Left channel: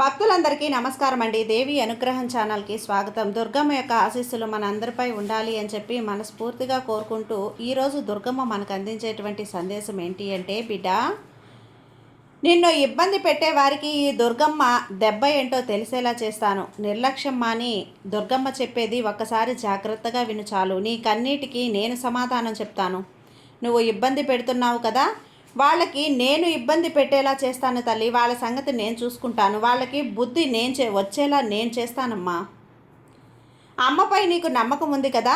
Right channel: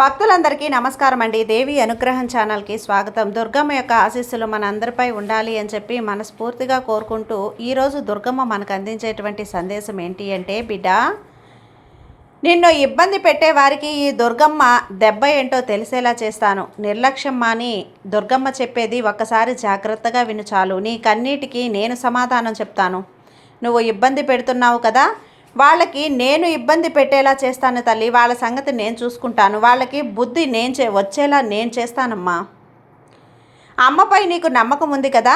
భక్తులందరికీ నమస్కారం అండి. దేవి అనుగ్రహం ఛానల్కి స్వాగతం. దుర్గమ్మ యొక్క ఆశీస్సులు మన అందరిపై ఉండాలి అని చెప్పి మనస్ఫూర్తిగా కోరుకుంటూ ఈరోజు దుర్గమ్మ మనకు అందించేటువంటి సందేశం ఏంటి అంటే, బిడ్డ, నిన్ను ఇబ్బంది పెట్టే వారికి ఈ దుర్గమ్మ దెబ్బ ఏంటో తెలిసేలా చేస్తాను. నిర్లక్ష్యం మాని దుర్గమ్మ చెప్పేది ఒక్కసారి జాగ్రత్తగా విను చాలు. నీ కన్నీటికి నేను సమాధానం చెప్తాను. నువ్వు ఇబ్బంది పెడుతున్నావు కదా, వాళ్ళకి నేను ఇబ్బంది పెట్టేలా చేస్తాను తల్లి. వాళ్ళ సంగతి నేను చూసుకుంటాను. వాళ్ళకి బుద్ధి వచ్చేలా నేను చేస్తానమ్మా. అమ్మపై నీకు నమ్మకం ఉంది కదా,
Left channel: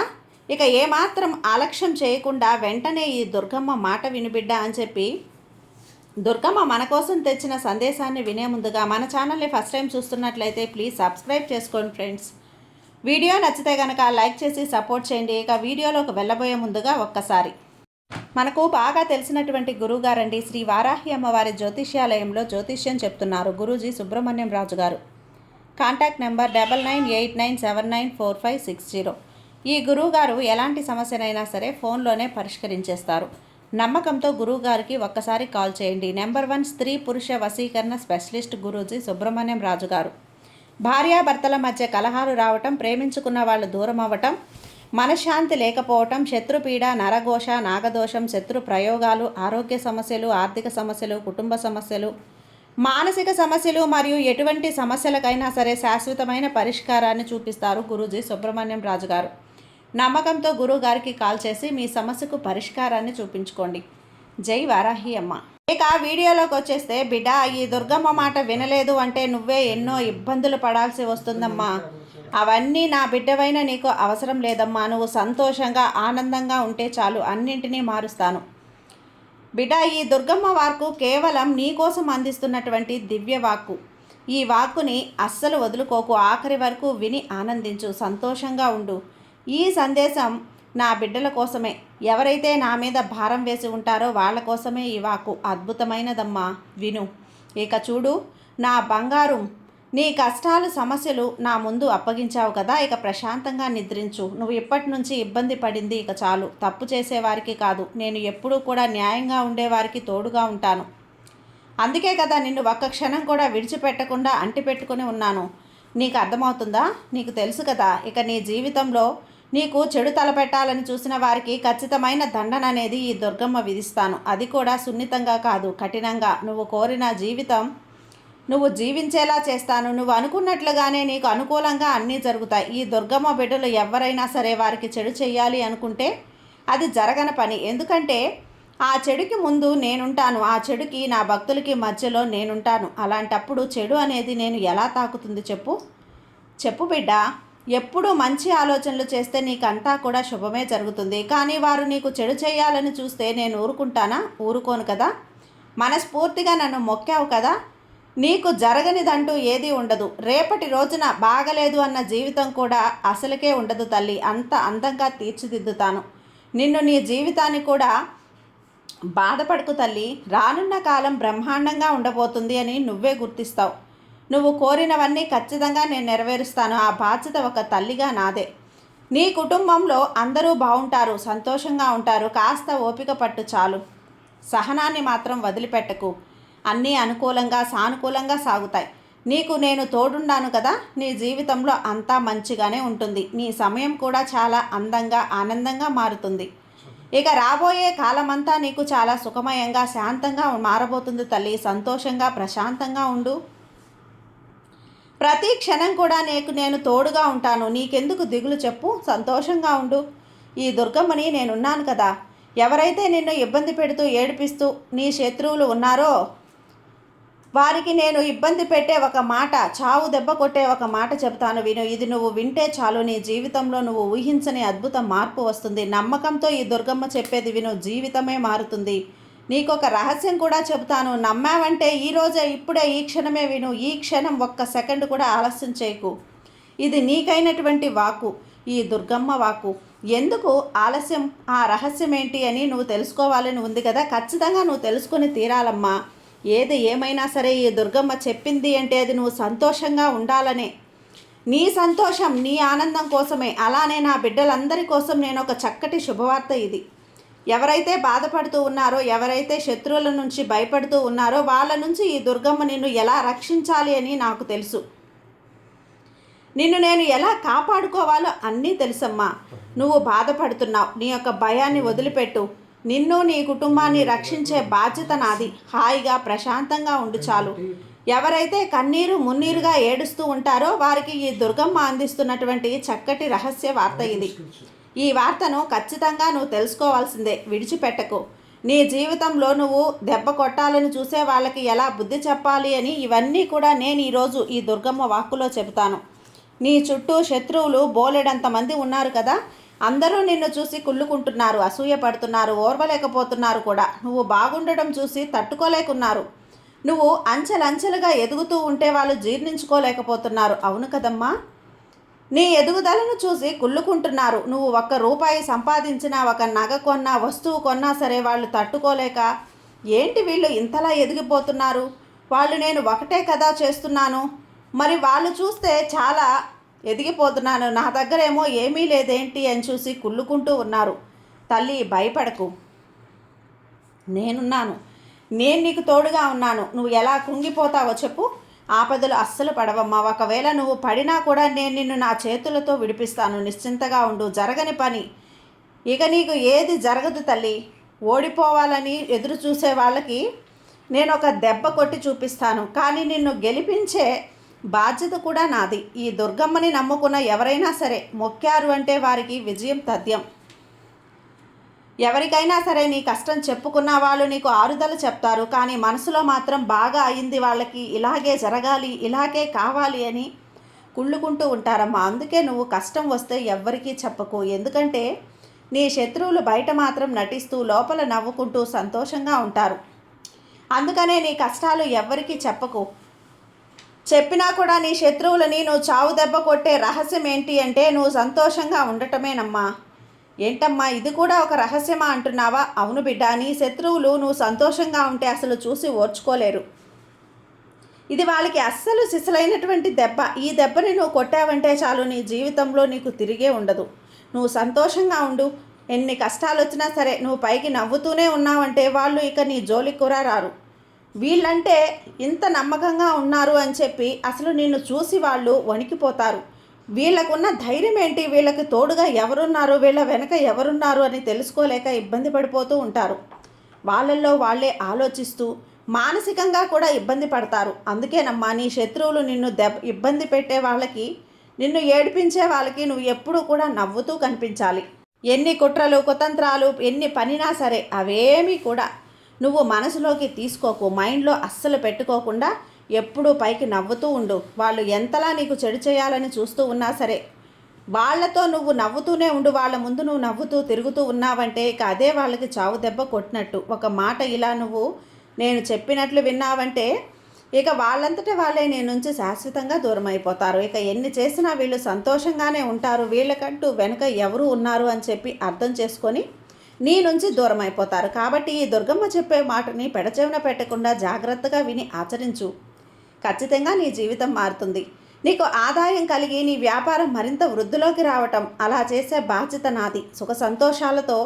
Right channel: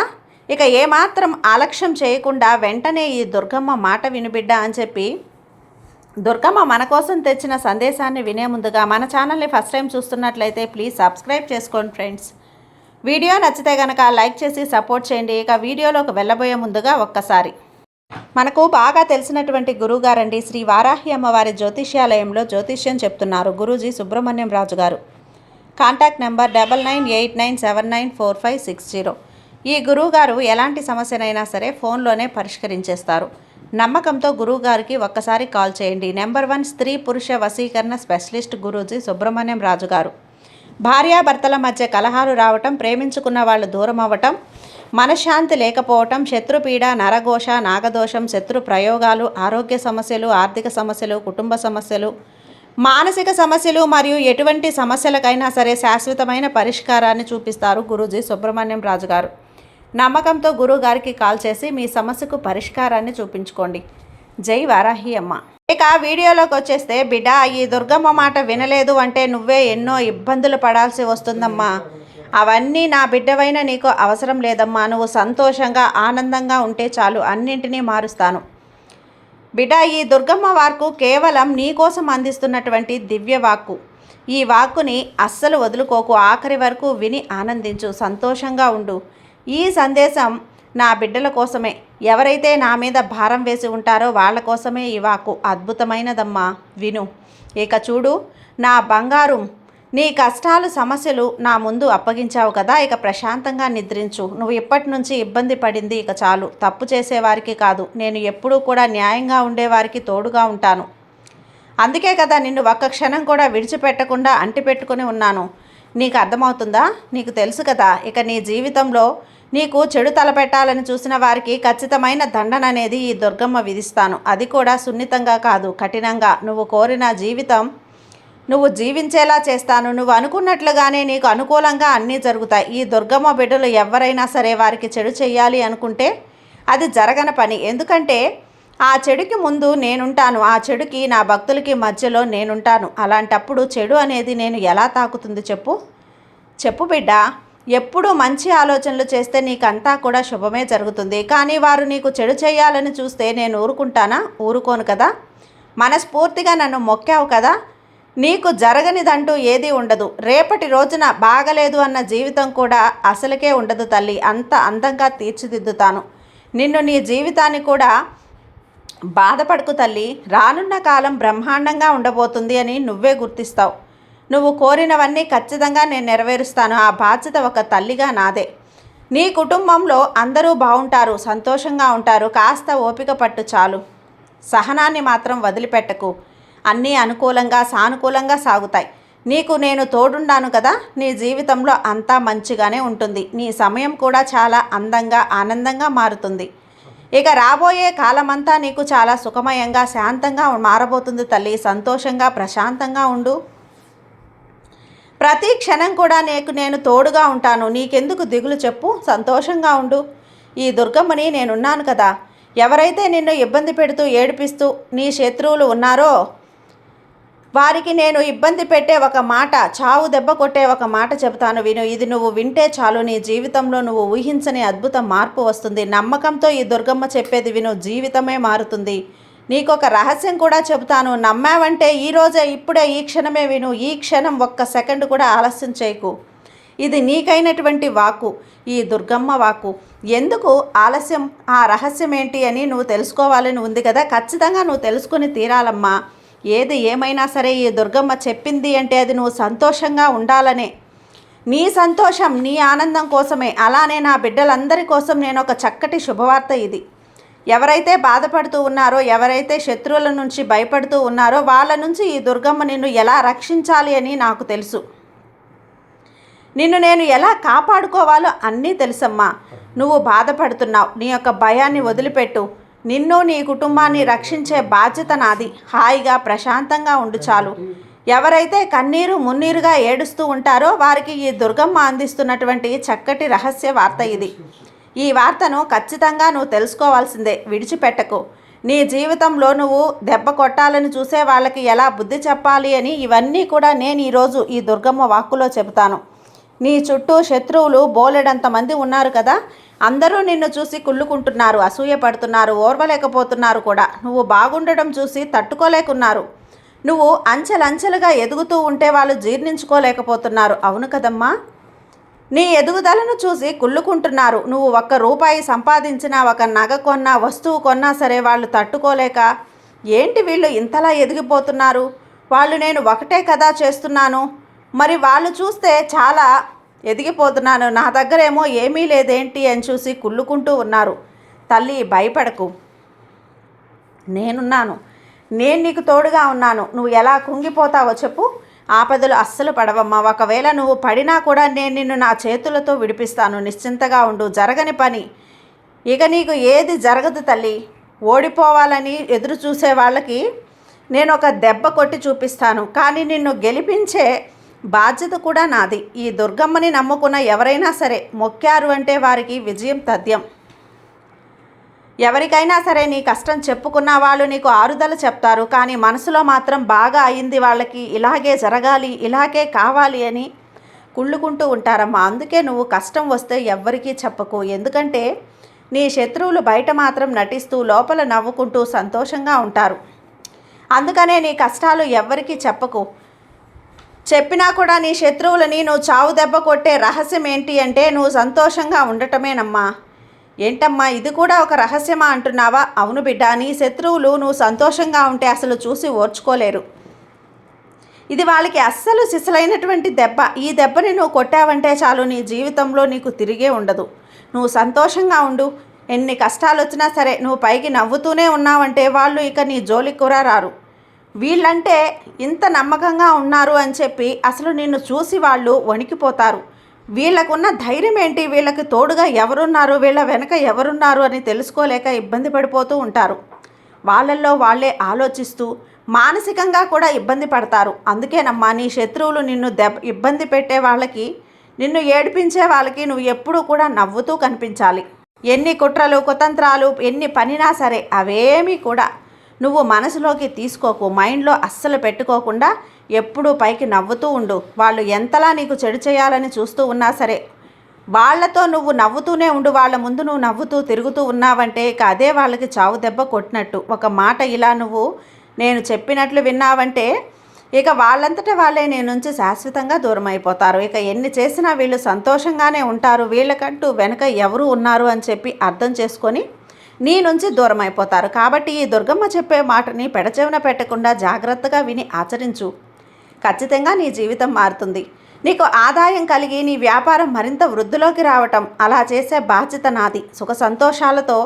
ఇక ఏమాత్రం ఆలక్ష్యం చేయకుండా వెంటనే ఈ దుర్గమ్మ మాట వినుబిడ్డ అని చెప్పి దుర్గమ్మ మన కోసం తెచ్చిన సందేశాన్ని వినే ముందుగా మన ఛానల్ని ఫస్ట్ టైం చూస్తున్నట్లయితే ప్లీజ్ సబ్స్క్రైబ్ చేసుకోండి ఫ్రెండ్స్. వీడియో నచ్చితే కనుక లైక్ చేసి సపోర్ట్ చేయండి. ఇక వీడియోలోకి వెళ్ళబోయే ముందుగా ఒక్కసారి మనకు బాగా తెలిసినటువంటి గురువుగారండి, శ్రీ వారాహి అమ్మవారి జ్యోతిష్యాలయంలో జ్యోతిష్యం చెప్తున్నారు గురూజీ సుబ్రహ్మణ్యం రాజు గారు. Contact number 9989794560. ఈ గురువుగారు ఎలాంటి సమస్యనైనా సరే ఫోన్లోనే పరిష్కరించేస్తారు. నమ్మకంతో గురువుగారికి ఒక్కసారి కాల్ చేయండి. నెంబర్ 1 స్త్రీ పురుష వశీకరణ స్పెషలిస్ట్ గురూజీ సుబ్రహ్మణ్యం రాజు గారు. భార్యాభర్తల మధ్య కలహాలు రావటం, ప్రేమించుకున్న వాళ్ళు దూరం అవ్వటం, మనశ్శాంతి లేకపోవటం, శత్రుపీడ, నరఘోష, నాగదోషం, శత్రు ప్రయోగాలు, ఆరోగ్య సమస్యలు, ఆర్థిక సమస్యలు, కుటుంబ సమస్యలు, మానసిక సమస్యలు మరియు ఎటువంటి సమస్యలకైనా సరే శాశ్వతమైన పరిష్కారాన్ని చూపిస్తారు గురూజీ సుబ్రహ్మణ్యం రాజు గారు. నమ్మకంతో గురువు గారికి కాల్ చేసి మీ సమస్యకు పరిష్కారాన్ని చూపించుకోండి. జై వారాహి అమ్మ. ఇక వీడియోలోకి వచ్చేస్తే, బిడ్డ, ఈ దుర్గమ్మ మాట వినలేదు అంటే నువ్వే ఎన్నో ఇబ్బందులు పడాల్సి వస్తుందమ్మా. అవన్నీ నా బిడ్డవైన నీకు అవసరం లేదమ్మా. నువ్వు సంతోషంగా ఆనందంగా ఉంటే చాలు, అన్నింటినీ మారుస్తాను. బిడ్డ, ఈ దుర్గమ్మ వాక్కు కేవలం నీ కోసం అందిస్తున్నటువంటి దివ్య వాక్కు. ఈ వాక్కుని అస్సలు వదులుకోకు. ఆఖరి వరకు విని ఆనందించు, సంతోషంగా ఉండు. ఈ సందేశం నా బిడ్డల కోసమే. ఎవరైతే నా మీద భారం వేసి ఉంటారో వాళ్ళ కోసమే ఈ వాక్కు. అద్భుతమైనదమ్మా, విను. ఇక చూడు నా బంగారు, నీ కష్టాలు సమస్యలు నా ముందు అప్పగించావు కదా, ఇక ప్రశాంతంగా నిద్రించు. నువ్వు ఇప్పటి నుంచి ఇబ్బంది పడింది ఇక చాలు. తప్పు చేసేవారికి కాదు, నేను ఎప్పుడూ కూడా న్యాయంగా ఉండేవారికి తోడుగా ఉంటాను. అందుకే కదా నిన్ను ఒక్క క్షణం కూడా విడిచిపెట్టకుండా అంటిపెట్టుకుని ఉన్నాను. నీకు అర్థమవుతుందా? నీకు తెలుసు కదా, ఇక నీ జీవితంలో నీకు చెడు తలపెట్టాలని చూసిన వారికి ఖచ్చితమైన దండన అనేది ఈ దుర్గమ్మ విధిస్తాను. అది కూడా సున్నితంగా కాదు, కఠినంగా. నువ్వు కోరిన జీవితం నువ్వు జీవించేలా చేస్తాను. నువ్వు అనుకున్నట్లుగానే నీకు అనుకూలంగా అన్నీ జరుగుతాయి. ఈ దుర్గమ్మ బిడ్డలు ఎవరైనా సరే వారికి చెడు చేయాలి అనుకుంటే అది జరగని పని. ఎందుకంటే ఆ చెడుకి ముందు నేనుంటాను, ఆ చెడుకి నా భక్తులకి మధ్యలో నేనుంటాను. అలాంటప్పుడు చెడు అనేది నేను ఎలా తాకుతుంది చెప్పు బిడ్డ. ఎప్పుడూ మంచి ఆలోచనలు చేస్తే నీకంతా కూడా శుభమే జరుగుతుంది. కానీ వారు నీకు చెడు చేయాలని చూస్తే నేను ఊరుకుంటానా? ఊరుకోను కదా. మనస్ఫూర్తిగా నన్ను మొక్కావు కదా, నీకు జరగనిదంటూ ఏదీ ఉండదు. రేపటి రోజున బాగలేదు అన్న జీవితం కూడా అసలుకే ఉండదు తల్లి. అంత అందంగా తీర్చిదిద్దుతాను నిన్ను. నీ జీవితాన్ని కూడా బాధపడకు తల్లి. రానున్న కాలం బ్రహ్మాండంగా ఉండబోతుంది అని నువ్వే గుర్తిస్తావు. నువ్వు కోరినవన్నీ ఖచ్చితంగా నేను నెరవేరుస్తాను. ఆ బాధ్యత ఒక తల్లిగా నాదే. నీ కుటుంబంలో అందరూ బాగుంటారు, సంతోషంగా ఉంటారు. కాస్త ఓపిక పట్టు చాలు. సహనాన్ని మాత్రం వదిలిపెట్టకు. అన్నీ అనుకూలంగా సానుకూలంగా సాగుతాయి. నీకు నేను తోడుండాను కదా, నీ జీవితంలో అంతా మంచిగానే ఉంటుంది. నీ సమయం కూడా చాలా అందంగా ఆనందంగా మారుతుంది. ఇక రాబోయే కాలమంతా నీకు చాలా సుఖమయంగా శాంతంగా మారబోతుంది తల్లి. సంతోషంగా ప్రశాంతంగా ఉండు. ప్రతి క్షణం కూడా నేను తోడుగా ఉంటాను. నీకెందుకు దిగులు చెప్పు, సంతోషంగా ఉండు. ఈ దుర్గమ్మని నేనున్నాను కదా. ఎవరైతే నిన్ను ఇబ్బంది పెడుతూ ఏడిపిస్తూ నీ శత్రువులు ఉన్నారో వారికి నేను ఇబ్బంది పెట్టే ఒక మాట, చావు దెబ్బ కొట్టే ఒక మాట చెబుతాను, విను. ఇది నువ్వు వింటే చాలు, నీ జీవితంలో నువ్వు ఊహించని అద్భుత మార్పు వస్తుంది. నమ్మకంతో ఈ దుర్గమ్మ చెప్పేది విను, జీవితమే మారుతుంది. నీకొక రహస్యం కూడా చెబుతాను. నమ్మావంటే ఈరోజే, ఇప్పుడే, ఈ క్షణమే విను. ఈ క్షణం ఒక్క సెకండ్ కూడా ఆలస్యం చేయకు. ఇది నీకైనటువంటి వాక్కు, ఈ దుర్గమ్మ వాక్కు. ఎందుకు ఆలస్యం? ఆ రహస్యం ఏంటి అని నువ్వు తెలుసుకోవాలని ఉంది కదా. ఖచ్చితంగా నువ్వు తెలుసుకుని తీరాలమ్మా. ఏది ఏమైనా సరే ఈ దుర్గమ్మ చెప్పింది అంటే అది నువ్వు సంతోషంగా ఉండాలనే. నీ సంతోషం, నీ ఆనందం కోసమే. అలానే నా బిడ్డలందరి కోసం నేను ఒక చక్కటి శుభవార్త ఇది. ఎవరైతే బాధపడుతూ ఉన్నారో, ఎవరైతే శత్రువుల నుంచి భయపడుతూ ఉన్నారో వాళ్ళ నుంచి ఈ దుర్గమ్మ నిన్ను ఎలా రక్షించాలి అని నాకు తెలుసు. నిన్ను నేను ఎలా కాపాడుకోవాలో అన్నీ తెలుసమ్మా. నువ్వు బాధపడుతున్నావు, నీ యొక్క భయాన్ని వదిలిపెట్టు. నిన్ను నీ కుటుంబాన్ని రక్షించే బాధ్యత నాది. హాయిగా ప్రశాంతంగా ఉండు చాలు. ఎవరైతే కన్నీరు మున్నీరుగా ఏడుస్తూ ఉంటారో వారికి ఈ దుర్గమ్మ అందిస్తున్నటువంటి చక్కటి రహస్య వార్త ఇది. ఈ వార్తను ఖచ్చితంగా నువ్వు తెలుసుకోవాల్సిందే, విడిచిపెట్టకు. నీ జీవితంలో నువ్వు దెబ్బ కొట్టాలని చూసే వాళ్ళకి ఎలా బుద్ధి చెప్పాలి అని ఇవన్నీ కూడా నేను ఈరోజు ఈ దుర్గమ్మ వాక్కులో చెబుతాను. నీ చుట్టూ శత్రువులు బోలెడంతమంది ఉన్నారు కదా, అందరూ నిన్ను చూసి కుళ్ళుకుంటున్నారు, అసూయపడుతున్నారు, ఓర్వలేకపోతున్నారు కూడా. నువ్వు బాగుండడం చూసి తట్టుకోలేకున్నారు. నువ్వు అంచెలంచెలుగా ఎదుగుతూ ఉంటే వాళ్ళు జీర్ణించుకోలేకపోతున్నారు. అవును కదమ్మా, నీ ఎదుగుదలను చూసి కుళ్ళుకుంటున్నారు. నువ్వు ₹1 సంపాదించినా, ఒక నగ కొన్నా, వస్తువు కొన్నా సరే వాళ్ళు తట్టుకోలేక, ఏంటి వీళ్ళు ఇంతలా ఎదిగిపోతున్నారు, వాళ్ళు నేను ఒకటే కదా చేస్తున్నాను, మరి వాళ్ళు చూస్తే చాలా ఎదిగిపోతున్నాను, నా దగ్గరేమో ఏమీ లేదేంటి అని చూసి కుళ్ళుకుంటూ ఉన్నారు. తల్లి, భయపడకు, నేనున్నాను, నేను నీకు తోడుగా ఉన్నాను. నువ్వు ఎలా కృంగిపోతావో చెప్పు. ఆపదలు అస్సలు పడవమ్మా. ఒకవేళ నువ్వు పడినా కూడా నేను నిన్ను నా చేతులతో విడిపిస్తాను. నిశ్చింతగా ఉండు, జరగని పని ఇక నీకు ఏది జరగదు తల్లి. ఓడిపోవాలని ఎదురు చూసే వాళ్ళకి నేను ఒక దెబ్బ కొట్టి చూపిస్తాను, కానీ నిన్ను గెలిపించే బాధ్యత కూడా నాది. ఈ దుర్గమ్మని నమ్ముకున్న ఎవరైనా సరే మొక్కారు అంటే వారికి విజయం తథ్యం. ఎవరికైనా సరే నీ కష్టం చెప్పుకున్న వాళ్ళు నీకు ఆరుదల చెప్తారు, కానీ మనసులో మాత్రం బాగా అయింది వాళ్ళకి, ఇలాగే జరగాలి, ఇలాగే కావాలి అని కుళ్ళుకుంటూ ఉంటారమ్మా. అందుకే నువ్వు కష్టం వస్తే ఎవ్వరికీ చెప్పకు. ఎందుకంటే నీ శత్రువులు బయట మాత్రం నటిస్తూ లోపల నవ్వుకుంటూ సంతోషంగా ఉంటారు. అందుకనే నీ కష్టాలు ఎవ్వరికీ చెప్పకు. చెప్పినా కూడా నీ శత్రువులని నువ్వు చావు దెబ్బ కొట్టే రహస్యం ఏంటి అంటే నువ్వు సంతోషంగా ఉండటమేనమ్మా. ఏంటమ్మా, ఇది కూడా ఒక రహస్యమా అంటున్నావా? అవును బిడ్డ, నీ శత్రువులు నువ్వు సంతోషంగా ఉంటే అసలు చూసి ఓర్చుకోలేరు. ఇది వాళ్ళకి అస్సలు సిసలైనటువంటి దెబ్బ. ఈ దెబ్బని నువ్వు కొట్టావంటే చాలు, నీ జీవితంలో నీకు తిరిగే ఉండదు. నువ్వు సంతోషంగా ఉండు. ఎన్ని కష్టాలు వచ్చినా సరే నువ్వు పైకి నవ్వుతూనే ఉన్నావంటే వాళ్ళు ఇక నీ జోలికి కూడా రారు. వీళ్ళంటే ఇంత నమ్మకంగా ఉన్నారు అని చెప్పి అసలు నిన్ను చూసి వాళ్ళు వణికిపోతారు. వీళ్ళకున్న ధైర్యం ఏంటి, వీళ్ళకి తోడుగా ఎవరున్నారు, వీళ్ళ వెనక ఎవరున్నారు అని తెలుసుకోలేక ఇబ్బంది పడిపోతూ ఉంటారు. వాళ్ళల్లో వాళ్ళే ఆలోచిస్తూ మానసికంగా కూడా ఇబ్బంది పడతారు. అందుకేనమ్మా, నీ శత్రువులు నిన్ను ఇబ్బంది పెట్టే వాళ్ళకి, నిన్ను ఏడిపించే వాళ్ళకి నువ్వు ఎప్పుడూ కూడా నవ్వుతూ కనిపించాలి. ఎన్ని కుట్రలు కుతంత్రాలు ఎన్ని పనినా సరే అవేమీ కూడా నువ్వు మనసులోకి తీసుకోకు. మైండ్లో అస్సలు పెట్టుకోకుండా ఎప్పుడూ పైకి నవ్వుతూ ఉండు. వాళ్ళు ఎంతలా నీకు చెడు చేయాలని చూస్తూ ఉన్నా సరే వాళ్ళతో నువ్వు నవ్వుతూనే ఉండు. వాళ్ళ ముందు నువ్వు నవ్వుతూ తిరుగుతూ ఉన్నావంటే ఇక అదే వాళ్ళకి చావు దెబ్బ కొట్టినట్టు. ఒక మాట ఇలా నువ్వు నేను చెప్పినట్లు విన్నావంటే ఇక వాళ్ళంతటా వాళ్ళే నీ నుంచి శాశ్వతంగా దూరం అయిపోతారు. ఇక ఎన్ని చేసినా వీళ్ళు సంతోషంగానే ఉంటారు. వీళ్ళకంటూ వెనుక ఎవరు ఉన్నారు అని చెప్పి అర్థం చేసుకొని నీ నుంచి దూరం అయిపోతారు. కాబట్టి ఈ దుర్గమ్మ చెప్పే మాటని పెడచెవిన పెట్టకుండా జాగ్రత్తగా విని ఆచరించు. ఖచ్చితంగా నీ జీవితం మారుతుంది. నీకు ఆదాయం కలిగి నీ వ్యాపారం మరింత వృద్ధిలోకి రావటం, అలా చేసే బాధ్యత నాది. సుఖ సంతోషాలతో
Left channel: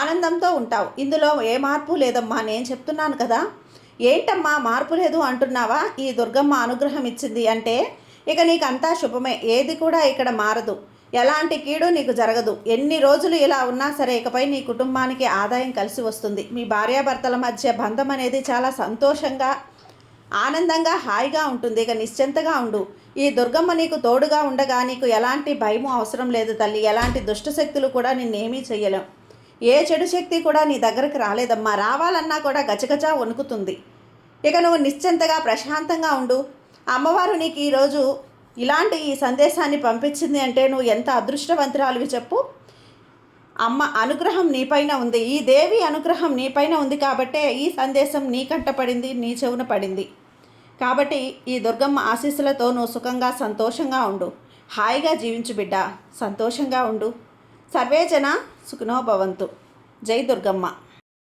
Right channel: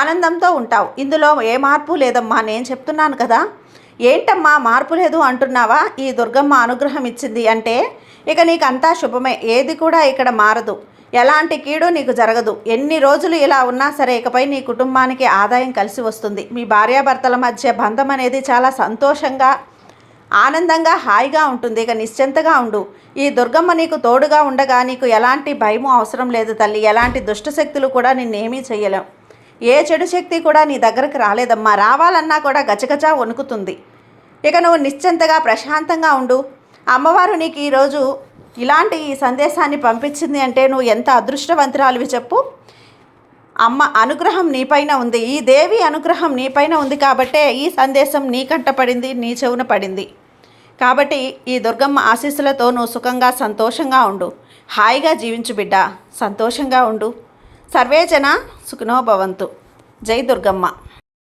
ఆనందంతో ఉంటావు. ఇందులో ఏ మార్పు లేదమ్మా. నేను చెప్తున్నాను కదా. ఏంటమ్మా మార్పు లేదు అంటున్నావా? ఈ దుర్గమ్మ అనుగ్రహం ఇచ్చింది అంటే ఇక నీకు అంతా శుభమే. ఏది కూడా ఇక్కడ మారదు. ఎలాంటి కీడు నీకు జరగదు. ఎన్ని రోజులు ఇలా ఉన్నా సరే ఇకపై నీ కుటుంబానికి ఆదాయం కలిసి వస్తుంది. మీ భార్యాభర్తల మధ్య బంధం అనేది చాలా సంతోషంగా ఆనందంగా హాయిగా ఉంటుంది. ఇక నిశ్చింతగా ఉండు. ఈ దుర్గమ్మ నీకు తోడుగా ఉండగా నీకు ఎలాంటి భయము అవసరం లేదు తల్లి. ఎలాంటి దుష్టశక్తులు కూడా నిన్నేమీ చేయలేం. ఏ చెడు శక్తి కూడా నీ దగ్గరకు రాలేదమ్మా. రావాలన్నా కూడా గజగజ వణుకుతుంది. ఇక నువ్వు నిశ్చింతగా ప్రశాంతంగా ఉండు. అమ్మవారు నీకు ఈరోజు ఇలాంటి ఈ సందేశాన్ని పంపించింది అంటే నువ్వు ఎంత అదృష్టవంతురాలివి చెప్పు. అమ్మ అనుగ్రహం నీపైన ఉంది. ఈ దేవి అనుగ్రహం నీపైన ఉంది కాబట్టే ఈ సందేశం నీ కంట పడింది, నీ చెవున పడింది. కాబట్టి ఈ దుర్గమ్మ ఆశీస్సులతో నువ్వు సుఖంగా సంతోషంగా ఉండు. హాయిగా జీవించు బిడ్డ, సంతోషంగా ఉండు. సర్వేజన సుఖినో భవంతు. జై దుర్గమ్మ.